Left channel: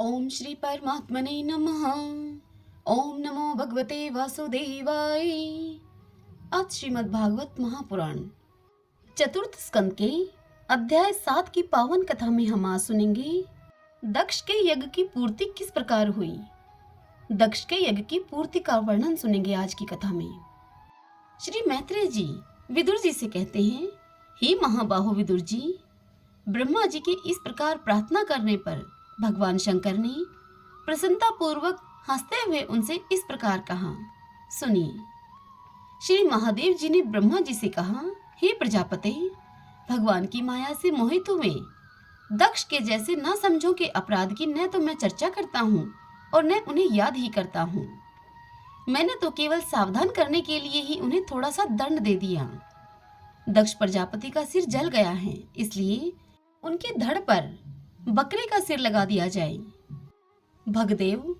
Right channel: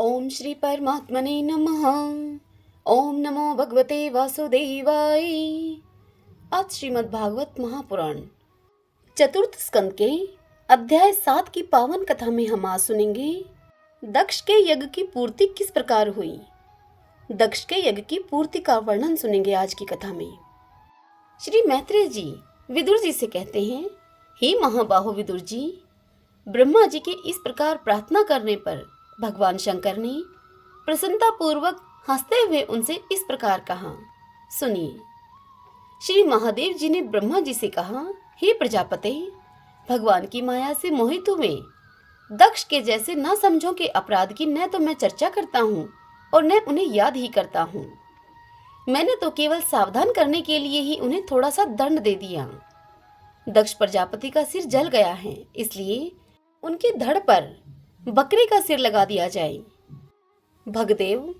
ओम श्री परमात्मने नमः। ओम नमो भगवते वासुदेवाय। आज श्रीमद् भागवत महापुराण चतुर्थ स्कंद के अध्याय 7 की पावन कथा में हम आज सुनेंगे दक्ष के यज्ञ की पूर्ति किस प्रकार हुई। दक्ष के यज्ञ की पूर्ति का वर्णन सुनेंगे आज की कथा में। श्री मैत्रेय जी विदुर जी से कहते हैं, हे महाबाहो विदुर जी, ब्रह्मा जी के इस प्रकार प्रार्थना करने पर भगवान शंकर ने प्रसन्नता पूर्वक हंसते हुए उनसे इस प्रकार कहा। सुनिए। श्री महादेव जी ने ब्रह्मा जी से कहा, हे प्रजापते, भगवान की माया से मोहित हुए दक्ष के जैसे ना समझो के अपराध की न तो मैं चर्चा करता हूँ और न उन्हें याद ही करता हूँ। मैंने तो केवल सावधान करने के लिए ही उन्हें थोड़ा सा दंड दे दिया। दक्ष प्रजापति का सिर जल गया है, इसलिए उनके धड़ पर बकरे का सिर लगा दिया जाए। भगदेव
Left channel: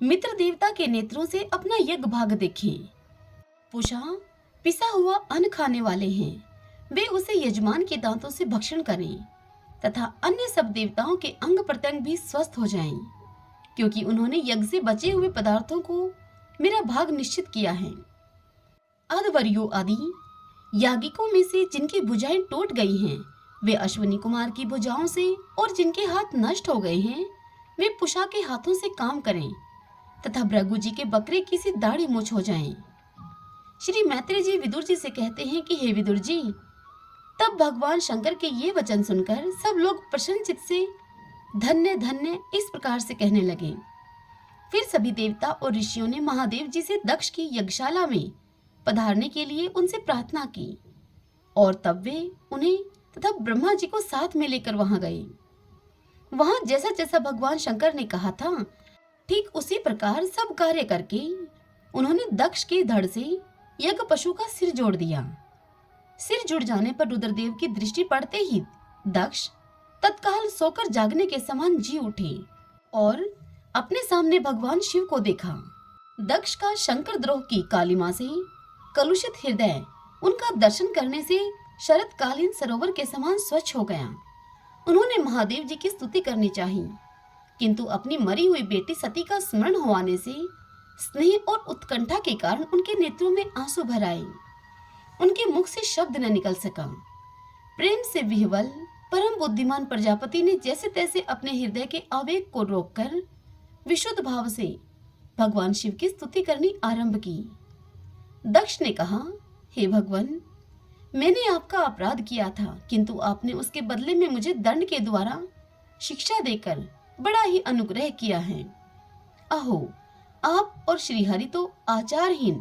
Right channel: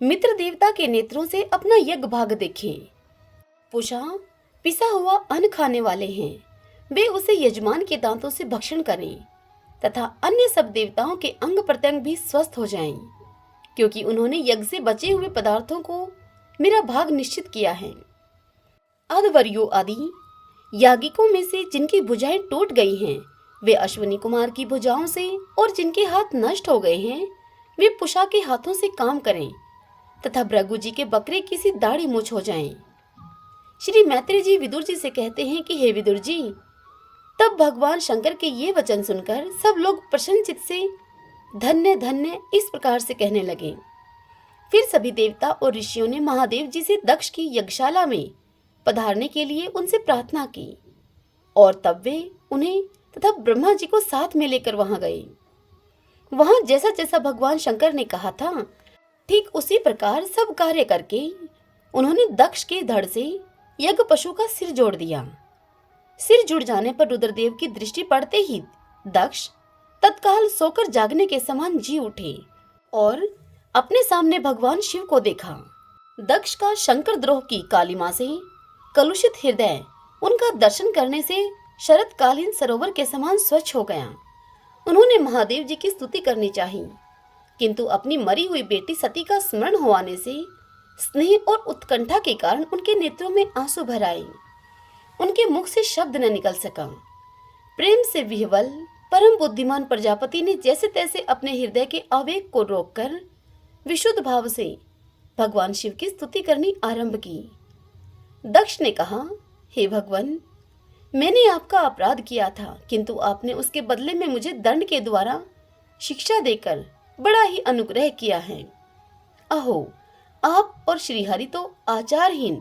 मित्र देवता के नेत्रों से अपना यज्ञ भाग देखें। पुषा पिसा हुआ अन्न खाने वाले हैं, वे उसे यजमान के दांतों से भक्षण करें तथा अन्य सब देवताओं के अंग प्रत्यंग भी स्वस्थ हो जाएं, क्योंकि उन्होंने यज्ञ से बचे हुए पदार्थों को मेरा भाग निश्चित किया है। अधवर्यो आदि याज्ञिकों में से जिनकी भुजाएं टूट गई हैं, वे अश्विनी कुमार की भुजाओं से, और जिनके हाथ नष्ट हो गए हैं, वे पुषा के हाथों से काम करें तथा भृगु जी के बकरे की सी दाढ़ी मूछ हो जाएं। श्री मैत्रेय जी विदुर जी से कहते हैं कि हे विदुर जी, तब भगवान शंकर के ये वचन सुनकर सब लोग प्रसन्नचित्त से धन्य धन्य इस प्रकार से कहने लगे। फिर सभी देवता और ऋषियों ने महादेव जी से दक्ष की यज्ञशाला में पधारने के लिए उनसे प्रार्थना की, और तब वे उन्हें तथा ब्रह्मा जी को साथ में लेकर वहां गए। वहां जैसा जैसा भगवान शंकर ने कहा था, ठीक उसी प्रकार सब कार्य करके उन्होंने दक्ष के धड़ से यज्ञ पशु का सिर जोड़ दिया। सिर जुड़ जाने पर रुद्रदेव की दृष्टि पड़ते ही दक्ष तत्काल सोकर जागने के समान जी उठे और अपने सामने भगवान शिव को देखा। दक्ष का शंकर द्रोह की कालिमा से कलुषित हृदय उनका दर्शन करने से शरतकालीन सरोवर के समान स्वच्छ हो गया। उन्होंने महादेव जी की स्तुति करनी चाहिए, किंतु अपनी मरी हुई बेटी सती का स्मरण हो आने से स्नेह और उत्कंठा के कारण उनके नेत्रों में आंसू भर आए। उनके मुख से शब्द न निकल सका। प्रेम से विह्वल परम बुद्धिमान प्रजापति ने जैसे तैसे अपने हृदय के आवेग को रोककर विशुद्ध भाव से भगवान शिव की स्तुति करनी आरंभ की। दक्ष ने कहा, हे भगवान, मैंने आपका अपराध किया था, किंतु आपने उसके बदले में मुझे दंड के द्वारा शिक्षा देकर बड़ा ही अनुग्रह किया है। अहो, आप और श्रीहरि तो आचारहीन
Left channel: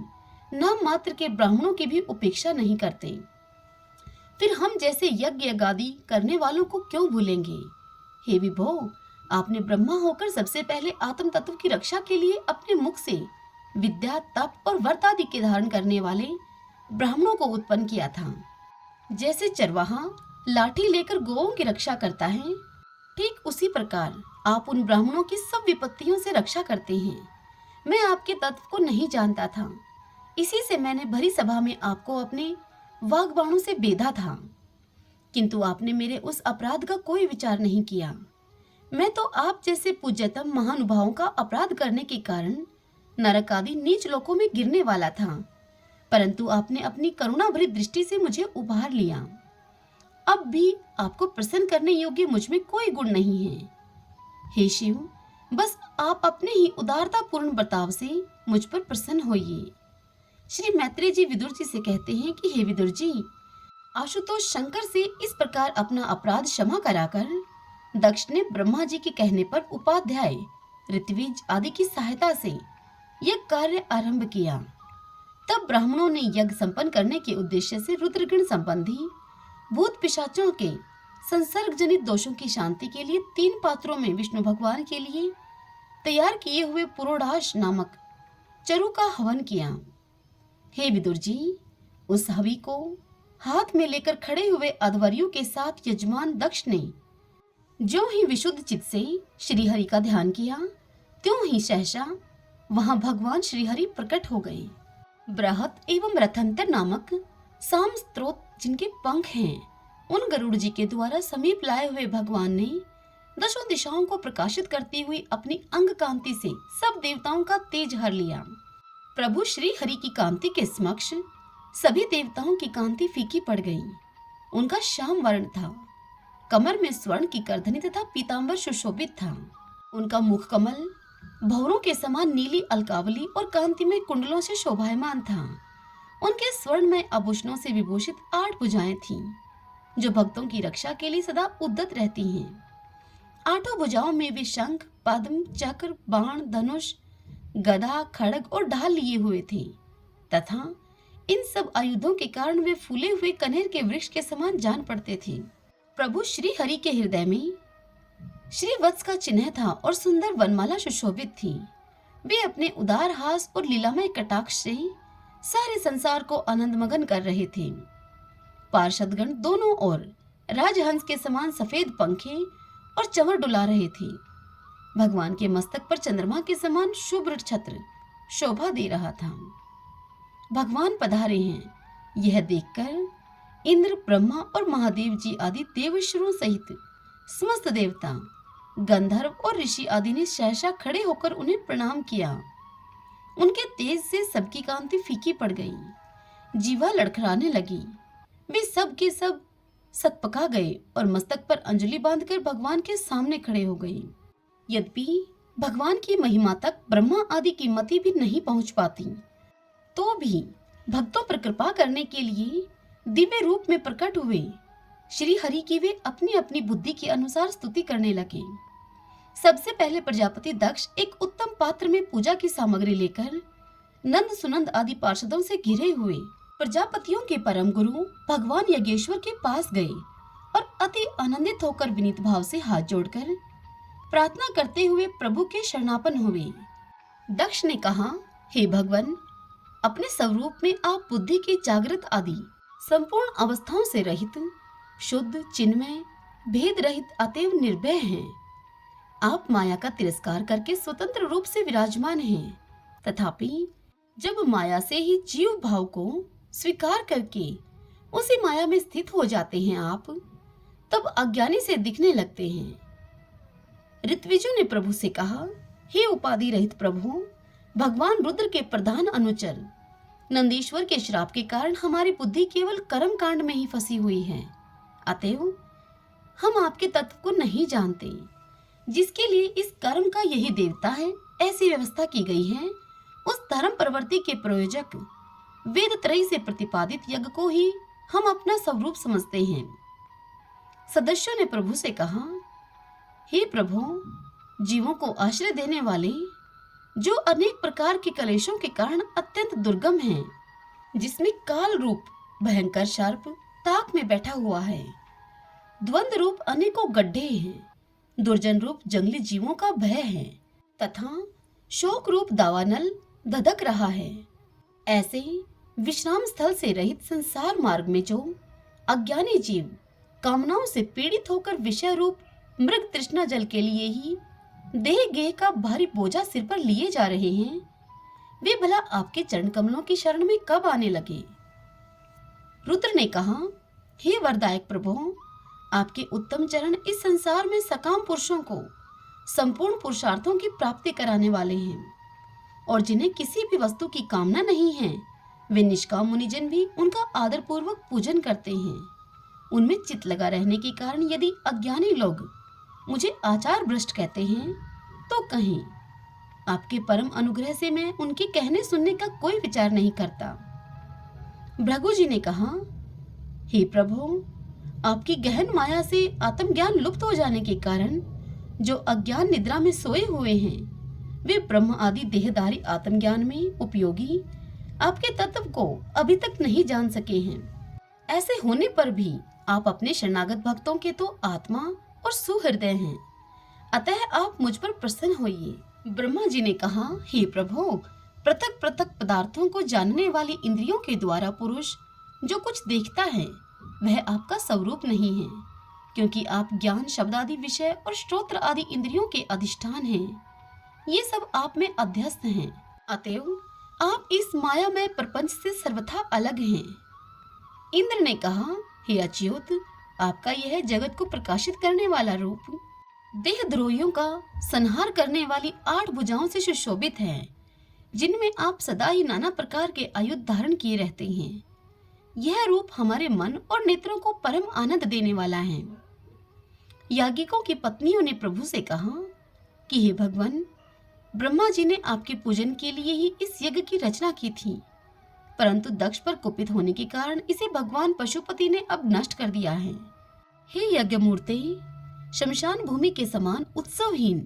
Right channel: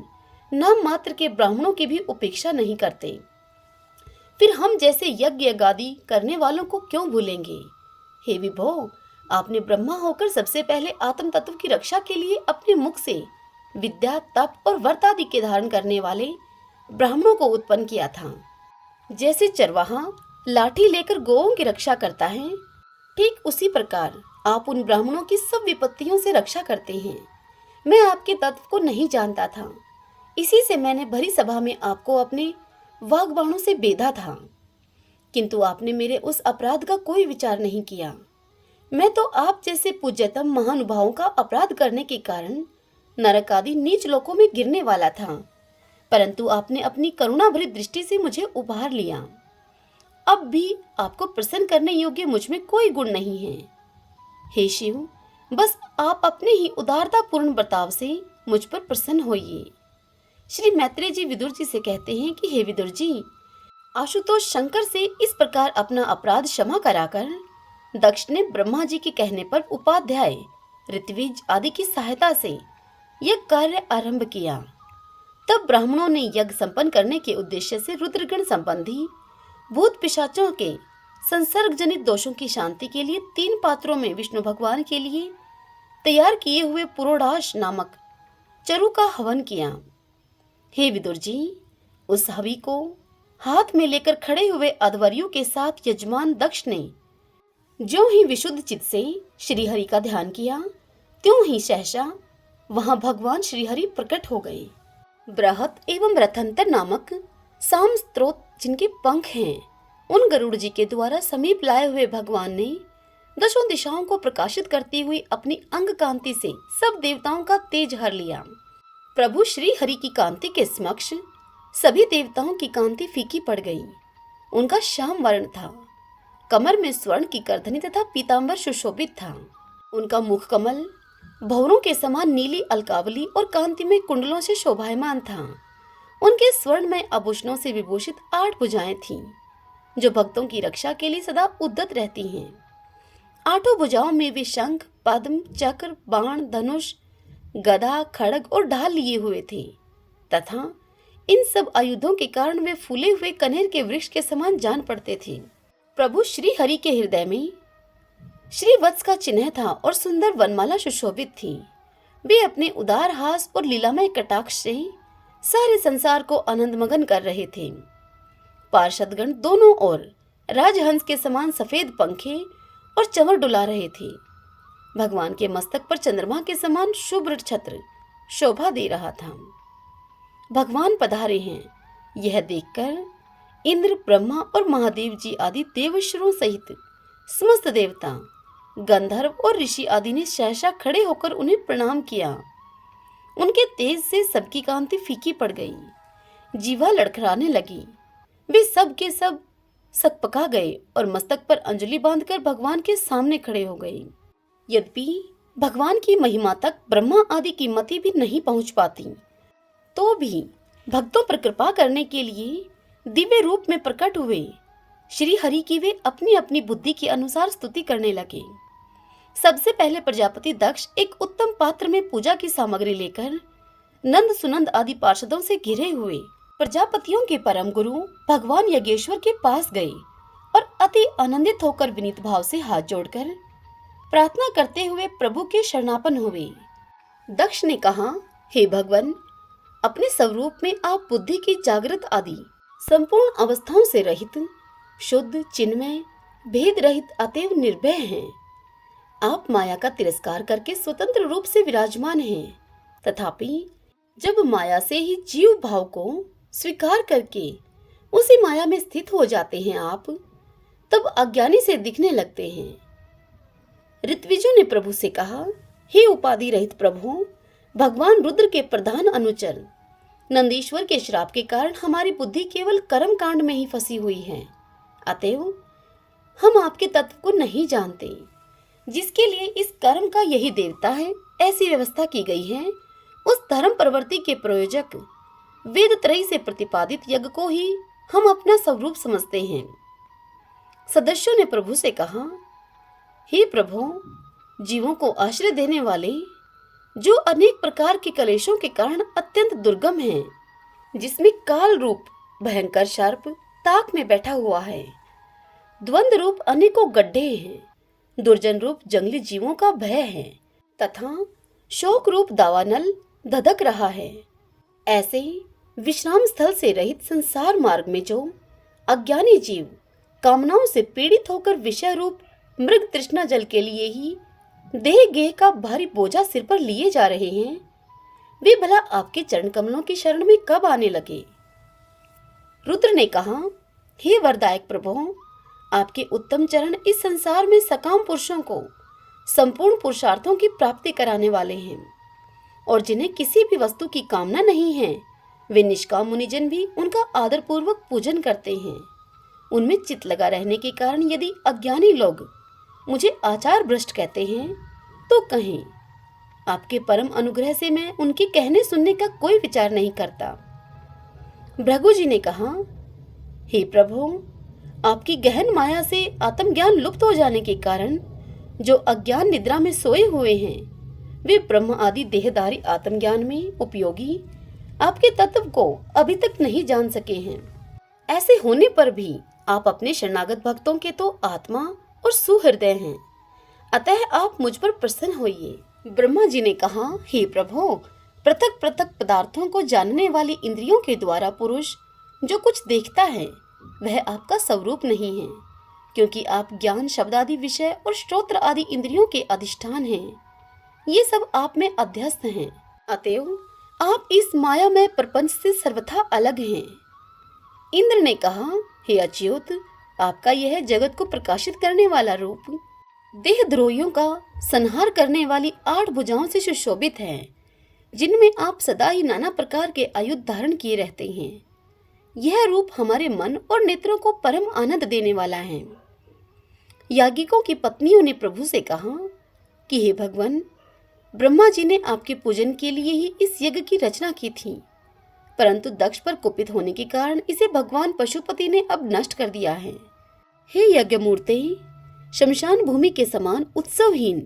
नाम मात्र के ब्राह्मणों की भी उपेक्षा नहीं करते, फिर हम जैसे यज्ञ गादी करने वालों को क्यों भूलेंगे। हे विभो, आपने ब्रह्मा होकर सबसे पहले आत्म तत्व की रक्षा के लिए अपने मुख से विद्या, तप और व्रत आदि के धारण करने वाले ब्राह्मणों को उत्पन्न किया था। जैसे चरवाहा लाठी लेकर गौओं की रक्षा करता है, ठीक उसी प्रकार आप उन ब्राह्मणों की सब विपत्तियों से रक्षा करते हैं। मैं आपके तत्व को नहीं जानता था, इसी से मैंने भरी सभा में आपको अपने वाग्बाणों से बेधा था, किंतु आपने मेरे उस अपराध का कोई विचार नहीं किया। मैं तो आप जैसे पूज्यतम महानुभावों का अपराध करने के कारण नरक आदि नीच लोकों में गिरने वाला था, परंतु आपने अपनी करुणा भरी दृष्टि से मुझे उबार लिया। अब भी आपको प्रसन्न करने योग्य मुझ में कोई गुण नहीं है। हे शिव, बस आप अपने ही उदारता पूर्ण बर्ताव से मुझ पर प्रसन्न होइए। श्री मैत्रेय जी विदुर जी से कहते हैं कि हे विदुर जी, आशुतोष शंकर से इस प्रकार अपना अपराध क्षमा कराकर दक्ष ने ब्रह्मा जी के कहने पर उपाध्याय, ऋत्विज आदि की सहायता से यह कार्य आरंभ किया। तब ब्राह्मणों ने यज्ञ संपन्न करने के उद्देश्य से रुद्रगण संबंधी भूत पिशाचों के संसर्ग जनित दोषों की शांति के लिए 3 पात्रों में विष्णु भगवान के लिए तैयार किए हुए पुरोडाश नामक चरु का हवन किया। हे विदुर जी, उस हवि को हाथ में लेकर खड़े हुए अध्वर्यों के साथ यजमान दक्ष ने ज्यों ही विशुद्ध चित्त से श्रीहरि का ध्यान किया, त्यों ही सहसा वहां भगवान श्रीहरि प्रकट हो गए। बृहत एवं रथंतर नामक साम स्त्रोत जिनके पंख हैं, उन गरुड़ जी के द्वारा समीप लाए हुए भगवान ने दशों दिशाओं को प्रकाशित करती हुई अपनी अंग कांति से सब देवताओं का तेज हर लिया। प्रभु श्री हरि की कांति के समक्ष सभी देवताओं की कांति फीकी पड़ गई। उनका श्याम वर्ण था, कमर में स्वर्ण की करधनी तथा पीतांबर सुशोभित था। उनका मुख कमल भौरों के समान नीली अलकावली और कांति में कुंडलों से शोभायमान था। उनके स्वर्ण में आभूषणों से विभूषित 8 भुजाएं थीं, जो भक्तों की रक्षा के लिए सदा उद्यत रहती हैं। 8 भुजाओं में वे शंख, पद्म, चक्र, बाण, धनुष, गदा, खड्ग और ढाल लिए हुए थे तथा इन सब आयुधों के कारण वे फूले हुए कनेर के वृक्ष के समान जान पड़ते थे। प्रभु श्री हरि के हृदय में श्री वत्स का चिन्ह था और सुंदर वनमाला सुशोभित थी। वे अपने उदार हास और लीलामय कटाक्ष से सारे संसार को आनंदमगन कर रहे थे। पार्षदगण दोनों ओर राजहंस के समान सफेद पंखे और चंवर डुला रहे थे। भगवान के मस्तक पर चंद्रमा के समान शुभ्र छत्र शोभा दे रहा था। भगवान पधारे हैं, यह देखकर इंद्र, ब्रह्मा और महादेव जी आदि देवश्वरों सहित समस्त देवता, गंधर्व और ऋषि आदि ने सहसा खड़े होकर उन्हें प्रणाम किया। उनके तेज से सबकी कांति फीकी पड़ गई, जीवा लड़खड़ाने लगी। वे सब के सब सकपका गए और मस्तक पर अंजलि बांधकर भगवान के सामने खड़े हो गए। यद्यपि भगवान की महिमा तक ब्रह्मा आदि की मति भी नहीं पहुंच पाती, तो भी भक्तों पर कृपा करने के लिए दिव्य रूप में प्रकट हुए श्री हरि की वे अपनी अपनी बुद्धि के अनुसार स्तुति करने लगे। सबसे पहले प्रजापति दक्ष एक उत्तम पात्र में पूजा की सामग्री लेकर नंद सुनंद आदि पार्षदों से घिरे हुए प्रजापतियों के परम गुरु भगवान यज्ञेश्वर के पास गए और अति आनंदित होकर विनीत भाव से हाथ जोड़कर प्रार्थना करते हुए प्रभु के शरणापन हुए। दक्ष ने कहा, हे भगवान, अपने स्वरूप में आप बुद्धि की जागृत आदि संपूर्ण अवस्थाओं से रहित, शुद्ध, चिन्मय, भेद रहित, अतएव निर्भय हैं। आप माया का तिरस्कार करके स्वतंत्र रूप से विराजमान हैं, तथापि जब माया से ही जीव भाव को स्वीकार करके उसी माया में स्थित हो जाते हैं आप, तब अज्ञानी से दिखने लगते हैं। ऋत्विजों ने प्रभु से कहा, हे उपाधि रहित प्रभु, भगवान रुद्र के प्रधान अनुचर नंदीश्वर के श्राप के कारण हमारी बुद्धि केवल कर्म कांड में ही फंसी हुई है। अतएव हम आपके तत्व को नहीं जानते, जिसके लिए इस कर्म का यही देवता है। ऐसी व्यवस्था की गई है। उस धर्म प्रवृत्ति के प्रयोजक वेद त्रयी से प्रतिपादित यज्ञ को ही हम अपना स्वरूप समझते हैं। सदस्यों ने प्रभु से कहा, हे प्रभु, जीवों को आश्रय देने वाले, जो अनेक प्रकार के कलेशों के कारण अत्यंत दुर्गम है, जिसमें काल रूप भयंकर सर्प ताक में बैठा हुआ है, द्वंद रूप अनेकों गड्ढे हैं, दुर्जन रूप जंगली जीवों का भय है तथा शोक रूप दावानल धधक रहा है। ऐसे विश्राम स्थल से रहित संसार मार्ग में जो अज्ञानी जीव कामनाओं से पीड़ित होकर विषय रूप मृग तृष्णा जल के लिए ही देह गेह का भारी बोझा सिर पर लिए जा रहे हैं, वे भला आपके चरण कमलों की शरण में कब आने लगे। रुद्र ने कहा, हे वरदायक प्रभु, आपके उत्तम चरण इस संसार में सकाम पुरुषों को संपूर्ण पुरुषार्थों की प्राप्ति कराने वाले हैं, और जिन्हें किसी भी वस्तु की कामना नहीं है, वे निष्काम मुनिजन भी उनका आदर पूर्वक पूजन करते हैं। उनमें चित लगा रहने के कारण यदि अज्ञानी लोग मुझे आचार भ्रष्ट कहते हैं, तो कहें, आपके परम अनुग्रह से मैं उनके कहने सुनने का कोई विचार नहीं करता। भृगु जी ने कहा, हे प्रभु, आपकी गहन माया से आत्मज्ञान लुप्त हो जाने के कारण जो अज्ञान निद्रा में सोए हुए हैं, वे ब्रह्म आदि देहधारी आत्मज्ञान में उपयोगी आपके तत्व को अभी तक नहीं जान सके हैं। ऐसे होने पर भी आप अपने शरणागत भक्तों के तो आत्मा और सुहृदय हैं, अतः आप मुझ पर प्रसन्न होइए। ब्रह्मा जी ने कहा, हे प्रभु, पृथक पृथक पदार्थों को जानने वाली इंद्रियों के द्वारा पुरुष जो कुछ देखता है वह आपका स्वरूप नहीं है, क्योंकि आप ज्ञान, शब्द आदि विषय और श्रोत्र आदि इंद्रियों के अधिष्ठान हैं। ये सब आप में अध्यस्त हैं, अतएव आप इस माया में प्रपंच से सर्वथा अलग हैं। इंद्र ने कहा, हे अच्युत, आपका यह जगत को प्रकाशित करने वाला रूप देहद्रोहियों का संहार करने वाली 8 भुजाओं से सुशोभित है, जिनमें आप सदा ही नाना प्रकार के आयुध धारण किए रहते हैं। यह रूप हमारे मन और नेत्रों को परम आनंद देने वाला है। याज्ञिकों की पत्नियों ने प्रभु से कहा कि हे भगवान, ब्रह्मा जी ने आपके पूजन के लिए ही इस यज्ञ की रचना की थी, परंतु दक्ष पर कुपित होने के कारण इसे भगवान पशुपति ने अब नष्ट कर दिया है। हे यज्ञ मूर्ति, शमशान भूमि के समान उत्सवहीन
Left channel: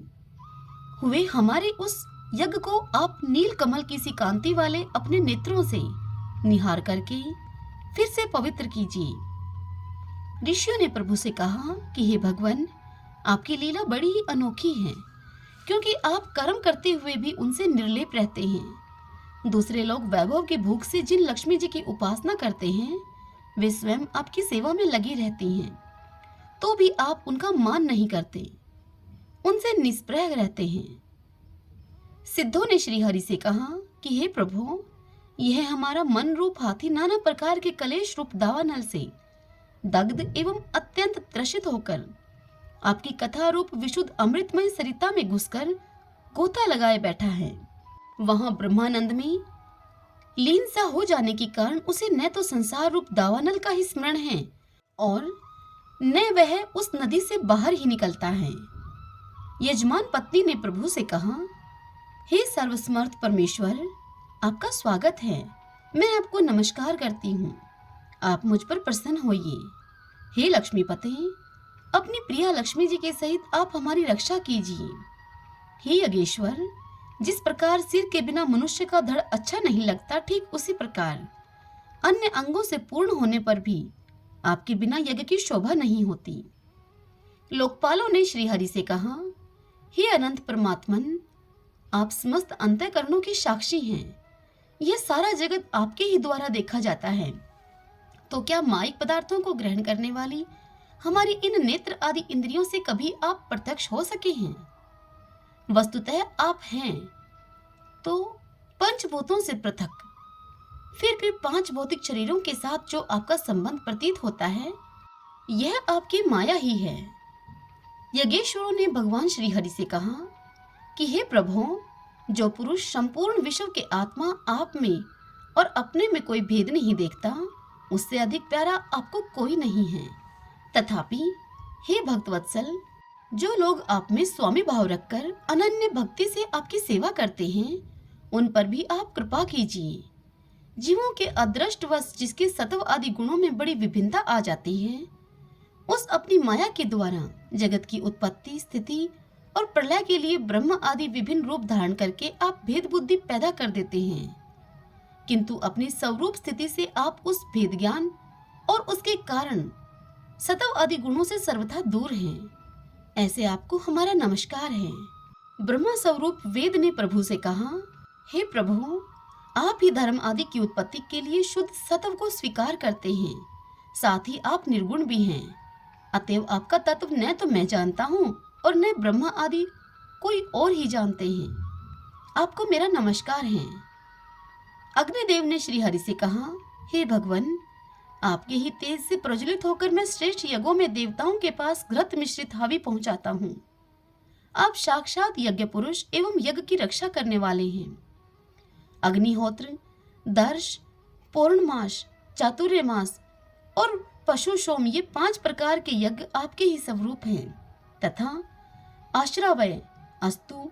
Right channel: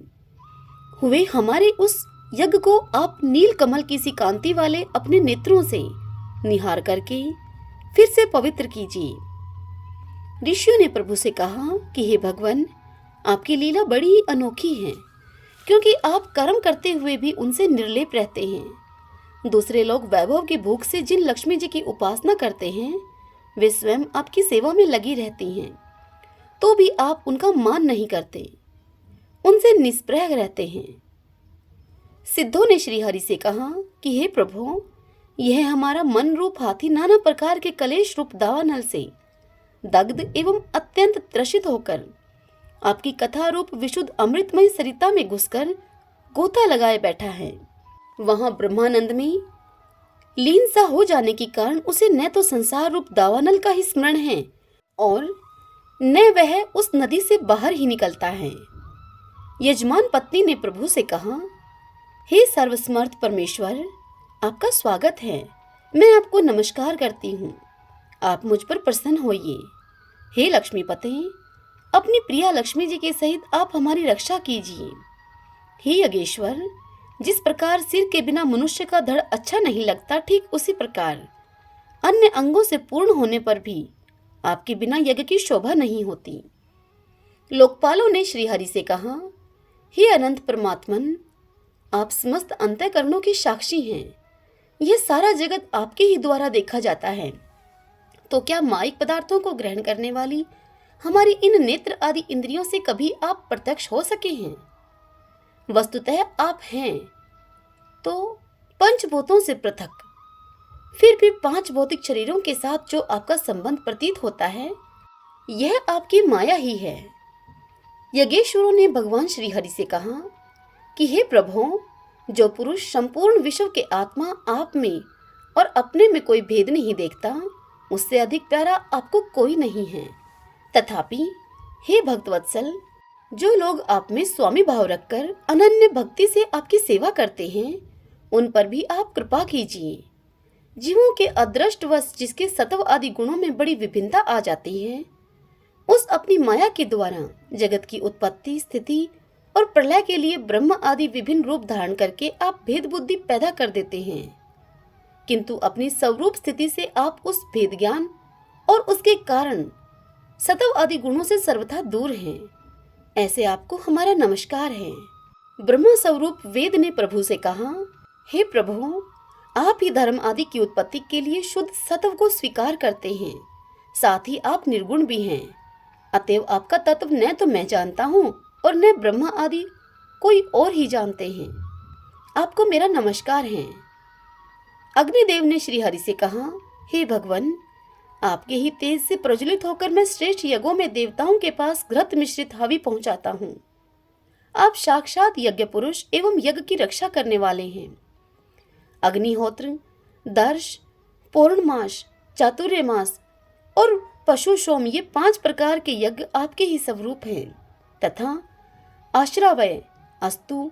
हुए हमारे उस यज्ञ को आप नील कमल की सी कांति वाले अपने नेत्रों से निहार करके फिर से पवित्र कीजिए। ऋषियों ने प्रभु से कहा कि हे भगवान, आपकी लीला बड़ी ही अनोखी है, क्योंकि आप कर्म करते हुए भी उनसे निर्लेप रहते हैं। दूसरे लोग वैभव की भूख से जिन लक्ष्मी जी की उपासना करते हैं, वे स्वयं आपकी सेवा में लगी रहती हैं, तो भी आप उनका मान नहीं करते, उनसे निष्प्रह रहते हैं। सिद्धों ने श्री हरि से कहा कि हे प्रभु, यह हमारा मन रूप हाथी नाना प्रकार के कलेश रूप दावानल से दग्ध एवं अत्यंत त्रसित होकर आपकी कथा रूप विशुद्ध अमृतमय सरिता में घुसकर गोता लगाए बैठा है। वहां ब्रह्मानंद में लीन सा हो जाने के कारण उसे न तो संसार रूप दावानल का ही स्मरण है और न वह उस नदी से बाहर ही निकलता है। यजमान पत्नी ने प्रभु से कहा, हे सर्वसमर्थ परमेश्वर, आपका स्वागत है। मैं आपको नमस्कार करती हूँ। आप मुझ पर प्रसन्न होइए। हे लक्ष्मीपते, अपनी प्रिया लक्ष्मी जी के सहित आप हमारी रक्षा कीजिए। हे यज्ञेश्वर, जिस प्रकार सिर के बिना मनुष्य का धड़ अच्छा नहीं लगता, ठीक उसी प्रकार अन्य अंगों से पूर्ण होने पर भी आपके बिना यज्ञ की शोभा नहीं होती। लोकपालों ने श्री हरि से कहा, हे अनंत परमात्मन, आप समस्त अंतःकरणों की साक्षी हैं। यह सारा जगत आपके ही द्वारा देखा जाता है, तो क्या माइक पदार्थों को ग्रहण करने वाली हमारी इन नेत्र आदि इंद्रियों से कभी आप प्रत्यक्ष हो सके हैं? वस्तुतः आप हैं तो पंचभूतों से पृथक, फिर भी 5 भौतिक शरीरों के साथ जो आपका संबंध प्रतीत होता है, यह आपकी माया ही है। यज्ञेश्वरों ने भगवान श्री हरि से कहा कि हे प्रभु, जो पुरुष संपूर्ण विश्व के आत्मा आप में और अपने में कोई भेद नहीं देखता, उससे अधिक प्यारा आपको कोई नहीं है। तथापि हे भक्तवत्सल, जो लोग आप में स्वामी भाव रखकर अनन्य भक्ति से आपकी सेवा करते हैं, उन पर भी आप कृपा कीजिए। जीवों के अदृष्टवश जिसके सत्व आदि गुणों में बड़ी विभिन्नता आ जाती है, उस अपनी माया के द्वारा जगत की उत्पत्ति, स्थिति और प्रलय के लिए ब्रह्म आदि विभिन्न रूप धारण करके आप भेद बुद्धि पैदा कर देते हैं, किंतु अपनी स्वरूप स्थिति से आप उस भेद ज्ञान और उसके कारण सत्व आदि गुणों से सर्वथा दूर हैं। ऐसे आपको हमारा नमस्कार है। ब्रह्म स्वरूप वेद ने प्रभु से कहा, हे प्रभु, आप ही धर्म आदि की उत्पत्ति के लिए शुद्ध सत्व को स्वीकार करते हैं, साथ ही आप निर्गुण भी हैं। अतएव आपका तत्व न तो मैं जानता हूँ और न ब्रह्मा आदि कोई और ही जानते हैं। आपको मेरा नमस्कार है। अग्निदेव ने श्री हरि से कहा, हे भगवान, आपके ही तेज से प्रज्वलित होकर मैं श्रेष्ठ यज्ञों में देवताओं के पास घृत मिश्रित हवि पहुंचाता हूँ। आप साक्षात यज्ञ पुरुष एवं यज्ञ की रक्षा करने वाले हैं। अग्निहोत्र, दर्श, पौर्णमास, चातुर्मास और पशु सोम, ये 5 प्रकार के यज्ञ आपके ही स्वरूप हैं तथा आश्रावय, अस्तु,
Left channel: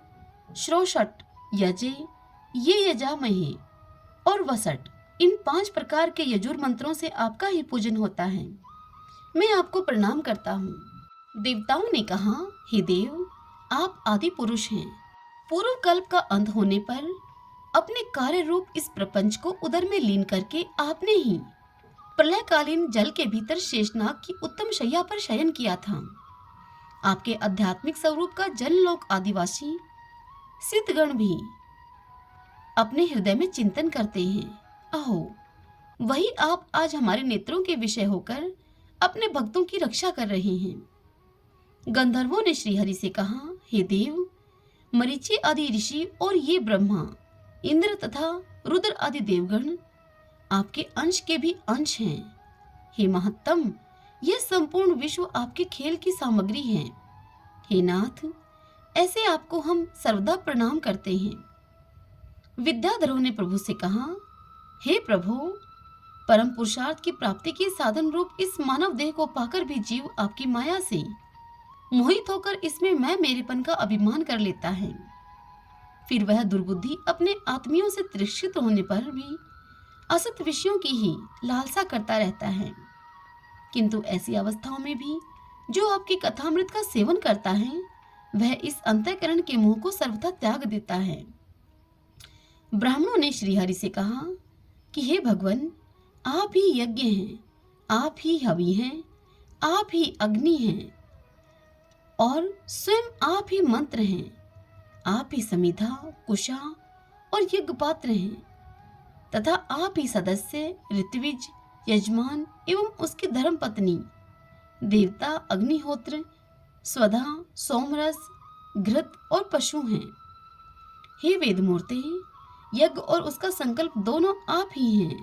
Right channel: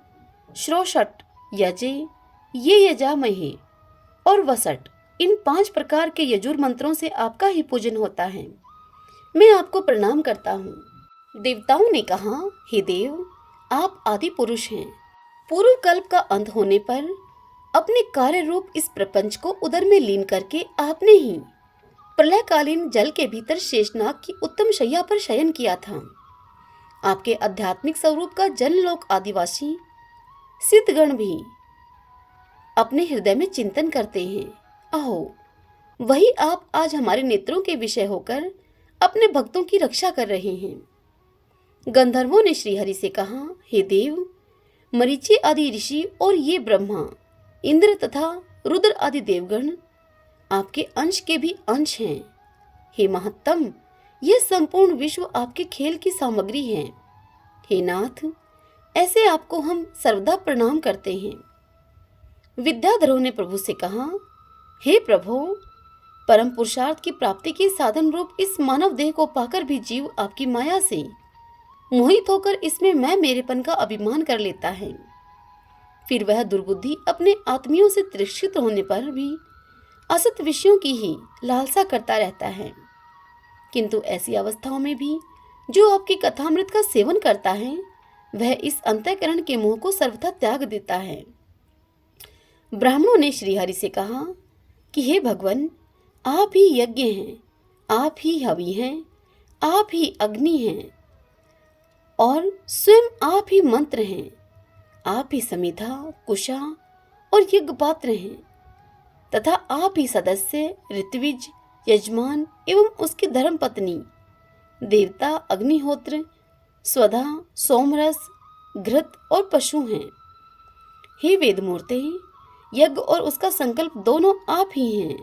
श्रोषट, यजे, ये यजामहे और वसट, इन 5 प्रकार के यजुर मंत्रों से आपका ही पूजन होता है। मैं आपको प्रणाम करता हूँ। देवताओं ने कहा, हे देव, आप आदि पुरुष हैं। पूर्व कल्प का अंत होने पर अपने कार्य रूप इस प्रपंच को उदर में लीन करके आपने ही प्रलयकालीन जल के भीतर शेषनाग की उत्तम शैया पर शयन किया था। आपके आध्यात्मिक स्वरूप का जनलोक आदिवासी सिद्धगण भी अपने हृदय में चिंतन करते हैं। अहो, वही आप आज हमारे नेत्रों के विषय होकर अपने भक्तों की रक्षा कर रहे हैं। गंधर्वों ने श्रीहरि से कहा, हे देव, मरीचि आदि ऋषि और ये ब्रह्मा, इंद्र तथा रुद्र आदि देवगण आपके अंश के भी अंश हैं। हे महत्तम, यह संपूर्ण विश्व आपके खेल की सामग्री है। हे नाथ, ऐसे आपको हम सर्वदा प्रणाम करते हैं। विद्याधरों ने प्रभु से कहा, हे प्रभु, परम पुरुषार्थ की प्राप्ति के साधन रूप इस मानव देह को पाकर भी जीव आपकी माया से मोहित होकर इसमें मैं मेरेपन का अभिमान कर लेता है। फिर वह दुर्बुद्धि अपने आत्मियों से तिरस्कृत होने पर भी असत विषयों की ही लालसा करता रहता है। किंतु ऐसी अवस्थाओं में भी जो आपकी कथामृत का सेवन करता है, वह इस अंतःकरण के मोह को सर्वथा त्याग देता है। ब्राह्मणों ने श्रीहरि से कहा कि हे भगवान, आप ही यज्ञ हैं, आप ही हवि हैं, आप ही अग्नि हैं और स्वयं आप ही मंत्र हैं, आप ही समिधा, कुशा और यज्ञ पात्र हैं तथा आप ही सदस्य, ऋत्विज, यजमान एवं उसकी धर्म पत्नी, देवता, अग्निहोत्र, स्वधा, सोमरस, घृत और पशु हैं। हे वेदमूर्ते, यज्ञ और उसका संकल्प दोनों आप ही हैं।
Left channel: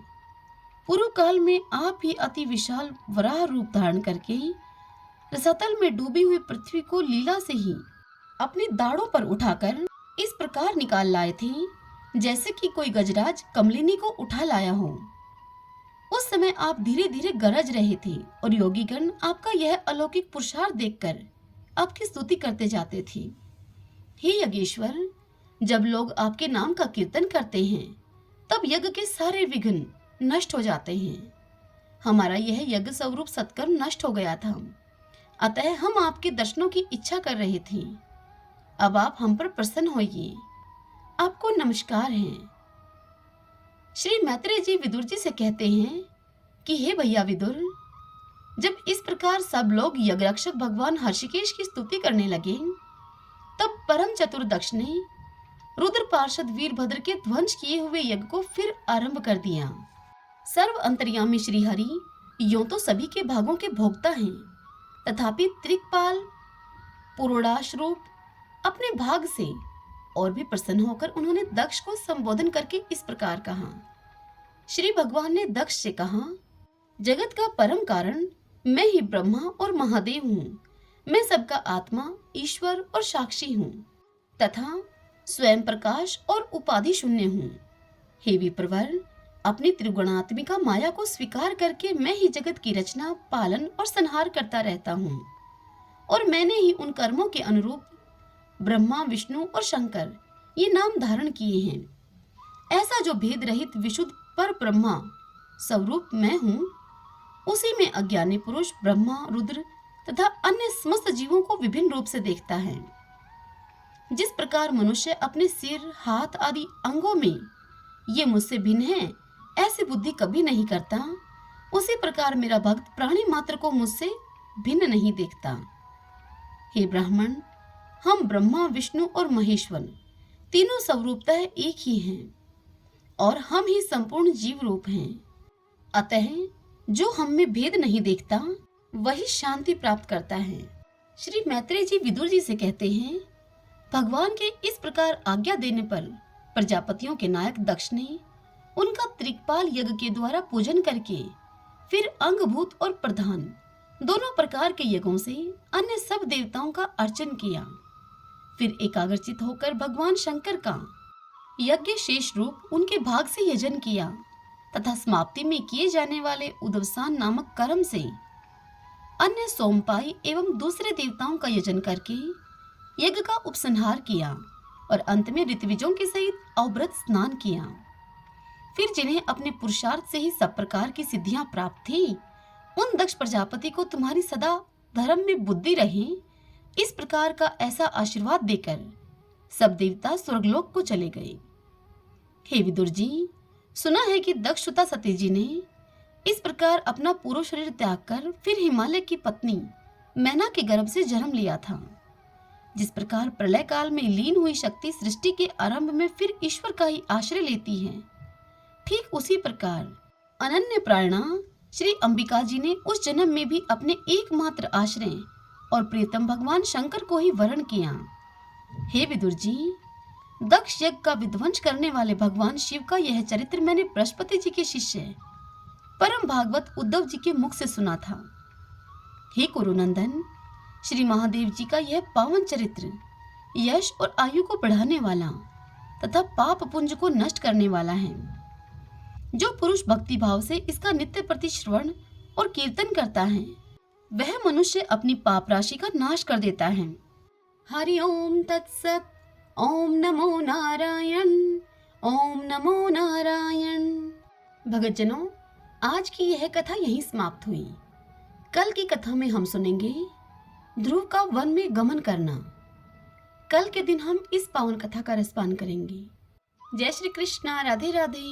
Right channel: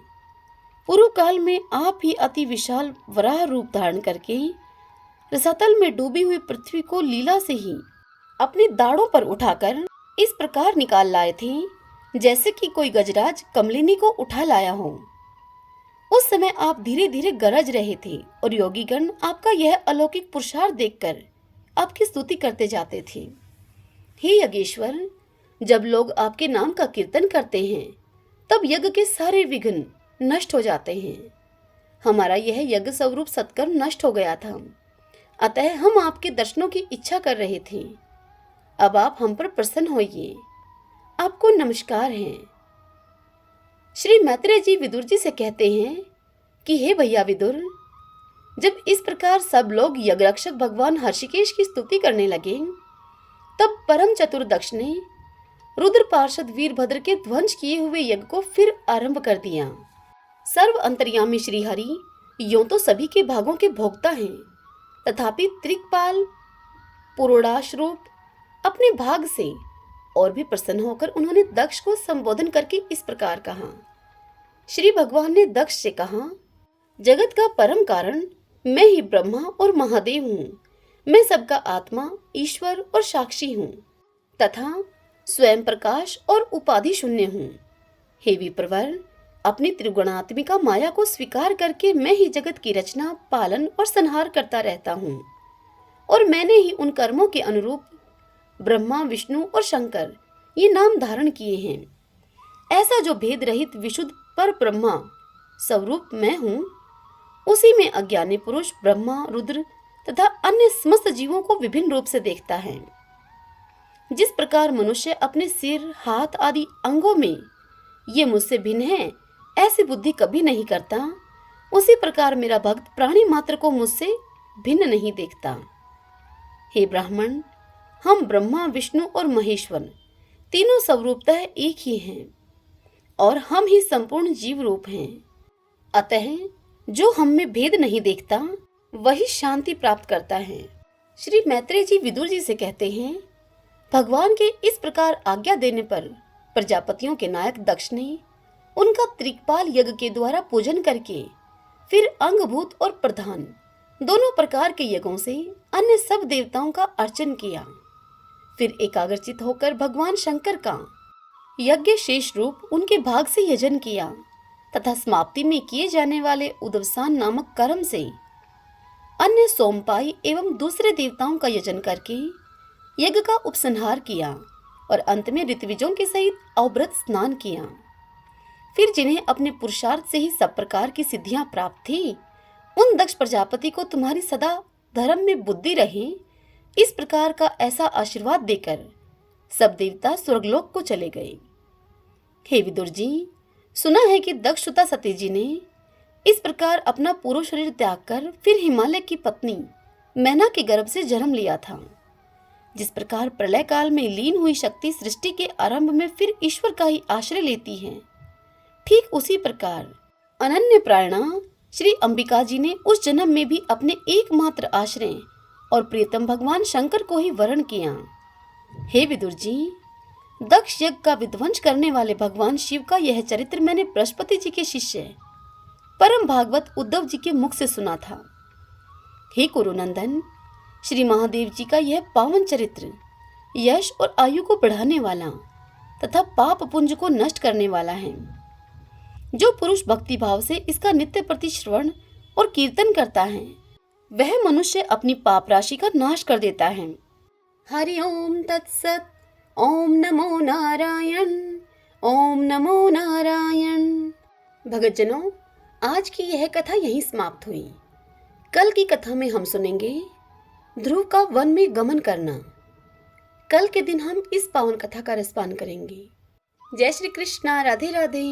पूर्व काल में आप ही अति विशाल वराह रूप धारण करके रसातल में डूबी हुई पृथ्वी को लीला से ही अपने दाढ़ों पर उठाकर इस प्रकार निकाल लाए थे जैसे कि कोई गजराज कमलिनी को उठा लाया हो। उस समय आप धीरे धीरे गरज रहे थे और योगीगण आपका यह अलौकिक पुरुषार्थ देखकर आपकी स्तुति करते जाते थे। हे यज्ञेश्वर, जब लोग आपके नाम का कीर्तन करते हैं तब यज्ञ के सारे विघ्न नष्ट हो जाते हैं। हमारा यह यज्ञ स्वरूप सत्कर्म नष्ट हो गया था, अतः हम आपके दर्शनों की इच्छा कर रहे थे। अब आप हम पर प्रसन्न होइए। आपको नमस्कार है। श्री मैत्रेय जी विदुर जी से कहते हैं कि हे भैया विदुर, जब इस प्रकार सब लोग यज्ञरक्षक भगवान हर्षिकेश की स्तुति करने लगे, तब परम चतुर दक्ष ने रुद्र पार्षद वीरभद्र के ध्वंस किए हुए यज्ञ को फिर आरंभ कर दिया। सर्व अंतर्यामी श्री हरि यों तो सभी के भागों के भोक्ता हैं, तथापि त्रिकपाल पुरोडाश रूप अपने भाग से और भी प्रसन्न होकर उन्होंने दक्ष को संबोधन करके इस प्रकार कहा। श्री भगवान ने दक्ष से कहा, जगत का परम कारण मैं ही ब्रह्मा और महादेव हूँ। मैं सबका आत्मा, ईश्वर और साक्षी हूँ तथा स्वयं प्रकाश और उपाधि शून्य हूँ। हे विप्रवर, अपनी त्रिगुणात्मिका माया को स्वीकार करके मैं ही जगत की रचना, पालन और संहार करता रहता हूँ और मैंने ही उन कर्मों के अनुरूप ब्रह्मा, विष्णु और शंकर ये नाम धारण किए हैं। ऐसा जो भेद रहित विशुद्ध पर ब्रह्मा स्वरूप मैं हूँ, उसी में अज्ञानी पुरुष ब्रह्मा, रुद्र तथा अन्य समस्त जीवों को विभिन्न रूप से देखता है। जिस प्रकार मनुष्य अपने सिर, हाथ आदि अंगों में ये मुझसे भिन्न है ऐसी बुद्धि कभी नहीं करता, उसी प्रकार मेरा भक्त प्राणी मात्र को मुझसे भिन्न नहीं देखता। हे ब्राह्मण, हम ब्रह्मा, विष्णु और महेश्वर तीनों स्वरूपतः एक ही हैं और हम ही संपूर्ण जीव रूप हैं। अतः जो हम में भेद नहीं देखता वही शांति प्राप्त करता है। श्री मैत्रेय जी विदुर जी से कहते हैं, भगवान के इस प्रकार आज्ञा देने पर प्रजापतियों के नायक दक्ष ने उनका त्रिकपाल यज्ञ के द्वारा पूजन करके फिर अंगभूत और प्रधान दोनों प्रकार के यज्ञों से अन्य सब देवताओं का अर्चन किया। फिर एकाग्रचित होकर भगवान शंकर का यज्ञ शेष रूप उनके भाग से यजन किया तथा समाप्ति में किए जाने वाले उदवसान नामक कर्म से अन्य सोमपाई एवं दूसरे देवताओं का यजन करके यज्ञ का उपसंहार किया और अंत में ऋत्विजों के सहित अवभृत स्नान किया। फिर जिन्हें अपने पुरुषार्थ से ही सब प्रकार की सिद्धियां प्राप्त थी, उन दक्ष प्रजापति को तुम्हारी सदा धर्म में बुद्धि रहे, इस प्रकार का ऐसा आशीर्वाद देकर सब देवता स्वर्गलोक को चले गए। हे विदुर जी, सुना है कि दक्षसुता सती जी ने इस प्रकार अपना पूर्व शरीर त्याग कर फिर हिमालय की पत्नी मैना के गर्भ से जन्म लिया था। जिस प्रकार प्रलय काल में लीन हुई शक्ति सृष्टि के आरंभ में फिर ईश्वर का ही आश्रय लेती है, ठीक उसी प्रकार अनन्य प्राणा श्री अंबिका जी ने उस जन्म में भी अपने एकमात्र आश्रय और प्रियतम भगवान शंकर को ही वरण किया। हे विदुर जी, दक्ष यज्ञ का विध्वंस करने वाले भगवान शिव का यह चरित्र मैंने बृहस्पति जी के शिष्य परम भागवत उद्धव जी के मुख से सुना था। हे कुरुनंदन, श्री महादेव जी का यह पावन चरित्र यश और आयु को बढ़ाने वाला तथा पाप पुंज को नष्ट करने वाला है। जो पुरुष भक्ति भाव से इसका नित्य प्रति श्रवण और कीर्तन करता है वह मनुष्य अपनी पाप राशि का नाश कर देता है। हरि ओम तत्सत। ओम नमो नारायण। ओम नमो नारायण। भगतजनों, आज की यह कथा यहीं समाप्त हुई। कल की कथा में हम सुनेंगे ध्रुव का वन में गमन करना। कल के दिन हम इस पावन कथा का रसपान करेंगे। जय श्री कृष्णा। राधे राधे।